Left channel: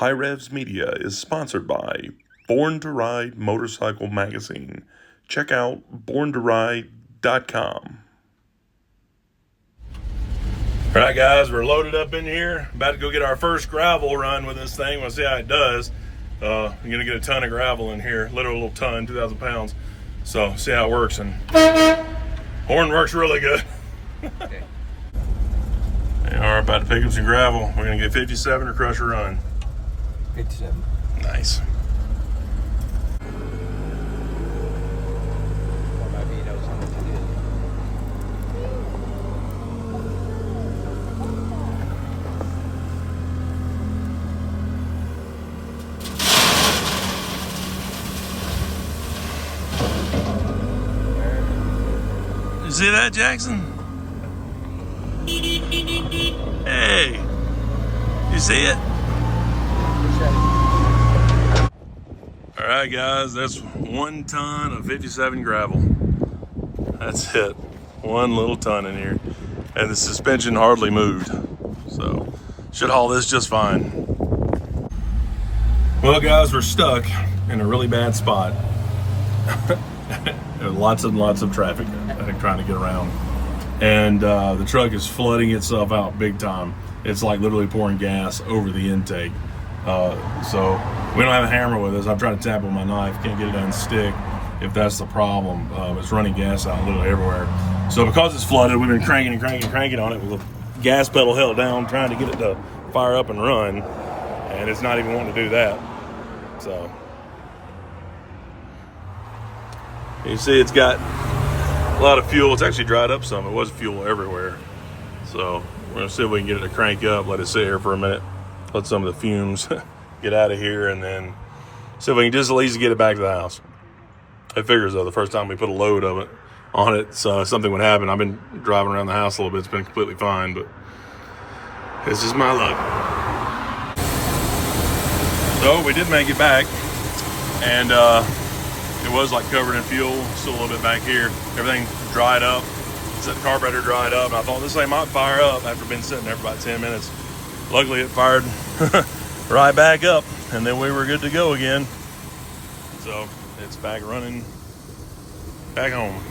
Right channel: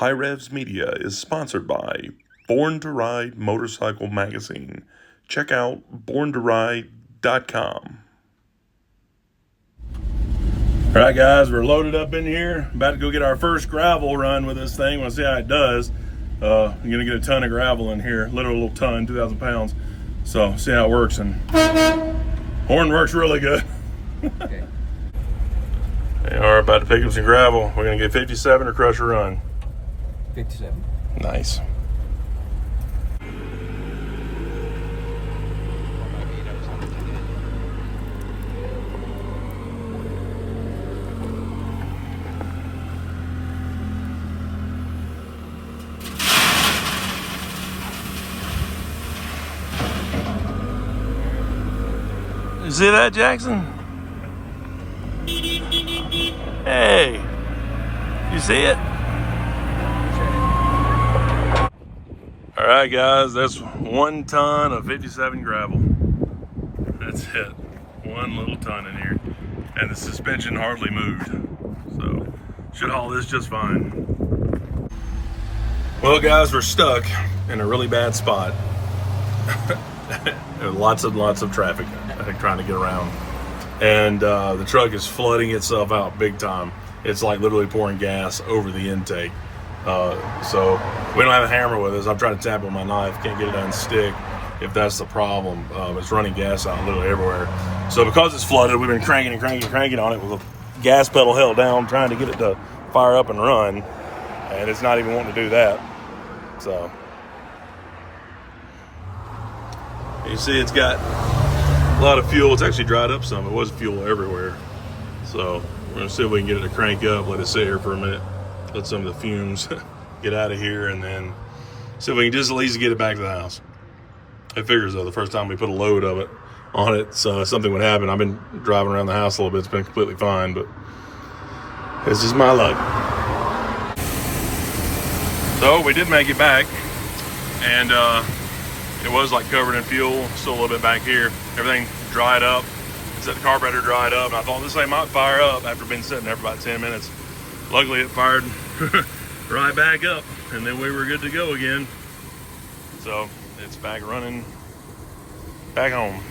HiRevz Media is sponsored by Born to Ride Motorcycle Magazine. Check out borntoride.com. All right, guys, we're loaded up in here. About to go get our first gravel run with this thing. We'll see how it does. I'm gonna get a ton of gravel in here, literally a little ton, 2,000 pounds. So see how it works. And horn works really good. Okay. They are about to pick up some gravel. We're gonna get 57 or crush a run. 57. Nice. You see that, Jackson? Hey, you see it? All right, guys, that's 1 ton of 57 gravel. That's it. 1 little ton in here. And the suspension hardly moved. So, should haul this just fine. Well, guys, we're stuck in a really bad spot. lots of traffic trying to get around. And the truck is flooding itself out big time. It's like literally pouring gas over the intake. So we don't have a hammer with us. I'm trying to tap it with my knife, can't get it to unstick if that's the problem. It's running gas out literally everywhere. So because it's flooded, we've been cranking on it with a gas pedal held down, trying to get it to fire up and run. And it's not even wanting to do that. So you see it's got a lot of fuel. It's actually dried up some. It was fuel everywhere. So we're gonna see if we can get it to crank up, let it sit here for a minute, let some of the fumes get out of here, and then see if we can just at least get it back to the house. It figures though, the first time we put a load of it on it, so something would happen. I've been driving around the house a little bit. It's been completely fine, but this is my luck. So we did make it back, and it was like covered in fuel, still a little bit back here. Everything dried up. The carburetor dried up. I thought this thing might fire up after being sitting there for about 10 minutes. Luckily it fired right back up, and then we were good to go again. So it's back running, back home.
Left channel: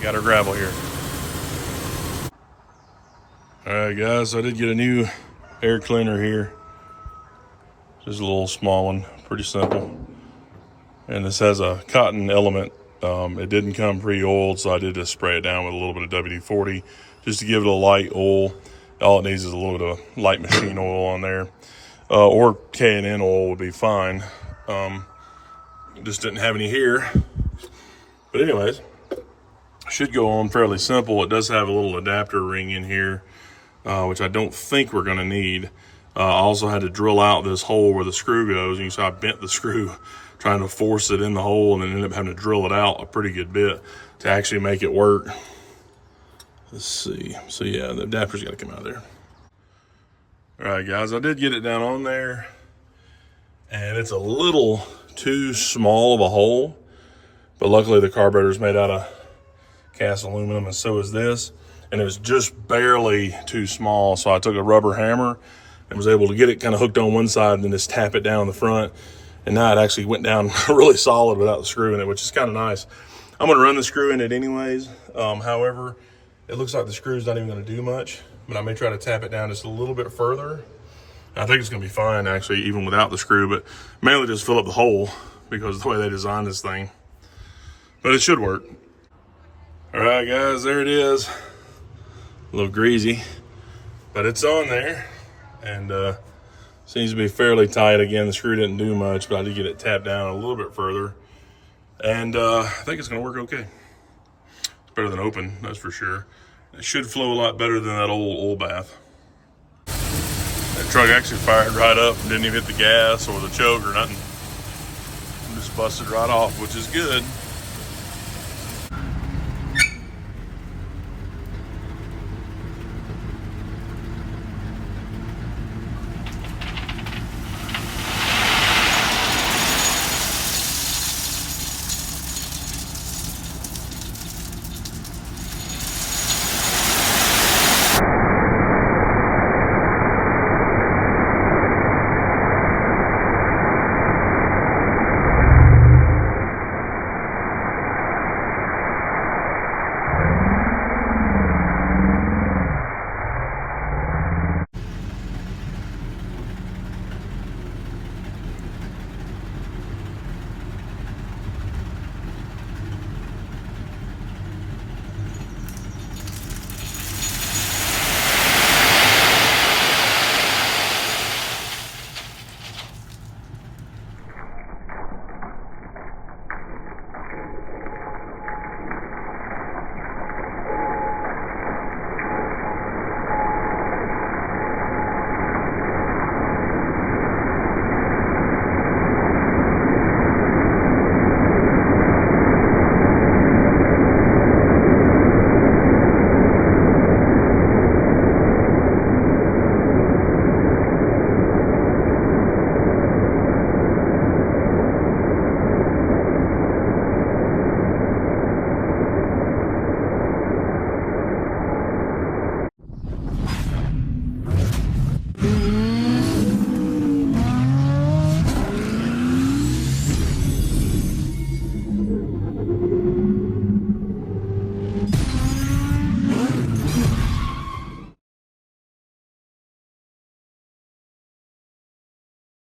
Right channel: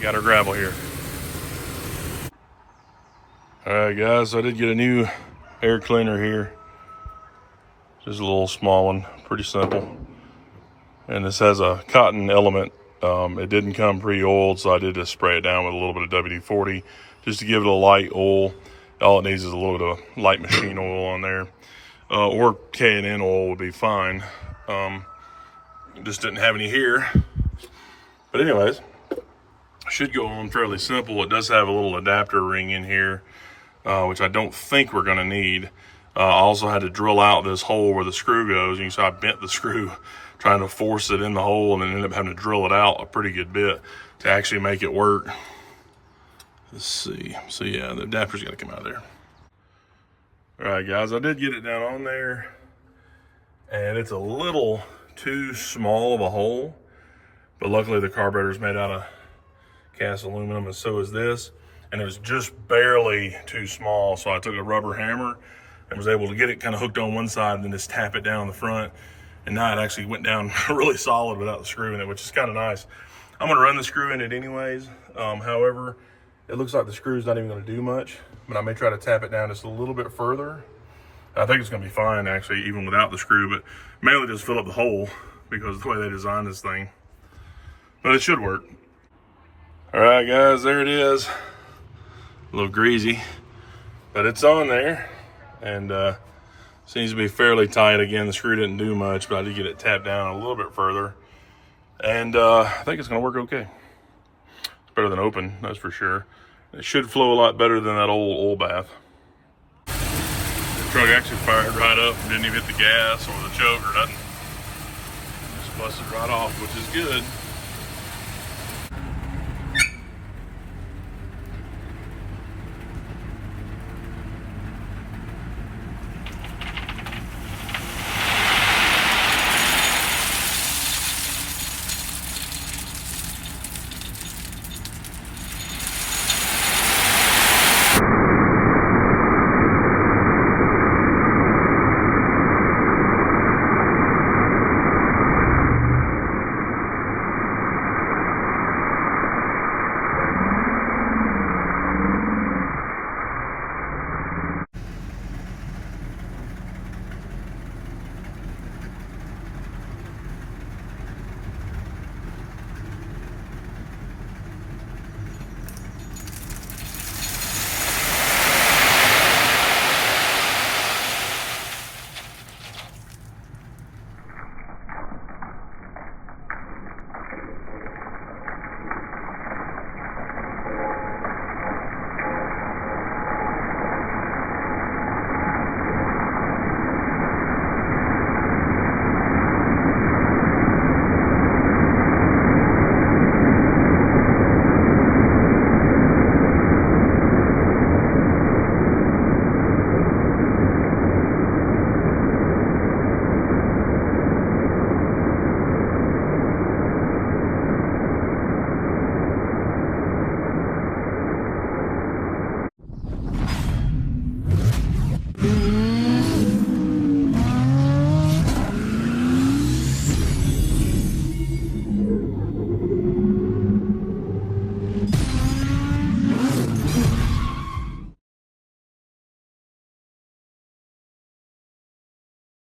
Got our gravel here. All right, guys, so I did get a new air cleaner here. Just a little small one, pretty simple. And this has a cotton element. It didn't come pre-oiled, so I did just spray it down with a little bit of WD-40 just to give it a light oil. All it needs is a little bit of light machine oil on there, or K&N oil would be fine. Just didn't have any here. But anyways, should go on fairly simple. It does have a little adapter ring in here, which I don't think we're gonna need. I also had to drill out this hole where the screw goes. You can see I bent the screw trying to force it in the hole, and then ended up having to drill it out a pretty good bit to actually make it work. Let's see. So yeah, the adapter's got to come out of there. All right, guys, I did get it down on there, and it's a little too small of a hole, but luckily the carburetor's made out of cast aluminum, and so is this, and it was just barely too small. So I took a rubber hammer and was able to get it kind of hooked on one side and then just tap it down the front. And now it actually went down really solid without the screw in it, which is kind of nice. I'm gonna run the screw in it anyways. However, it looks like the screw's not even gonna do much, but I may try to tap it down just a little bit further. I think it's gonna be fine actually, even without the screw, but mainly just fill up the hole because of the way they designed this thing. But it should work. All right, guys, there it is. A little greasy, but it's on there. And seems to be fairly tight. Again, the screw didn't do much, but I did get it tapped down a little bit further. And I think it's gonna work okay. It's better than open, that's for sure. It should flow a lot better than that old oil bath. The truck actually fired right up, didn't even hit the gas or the choke or nothing. Just busted right off, which is good.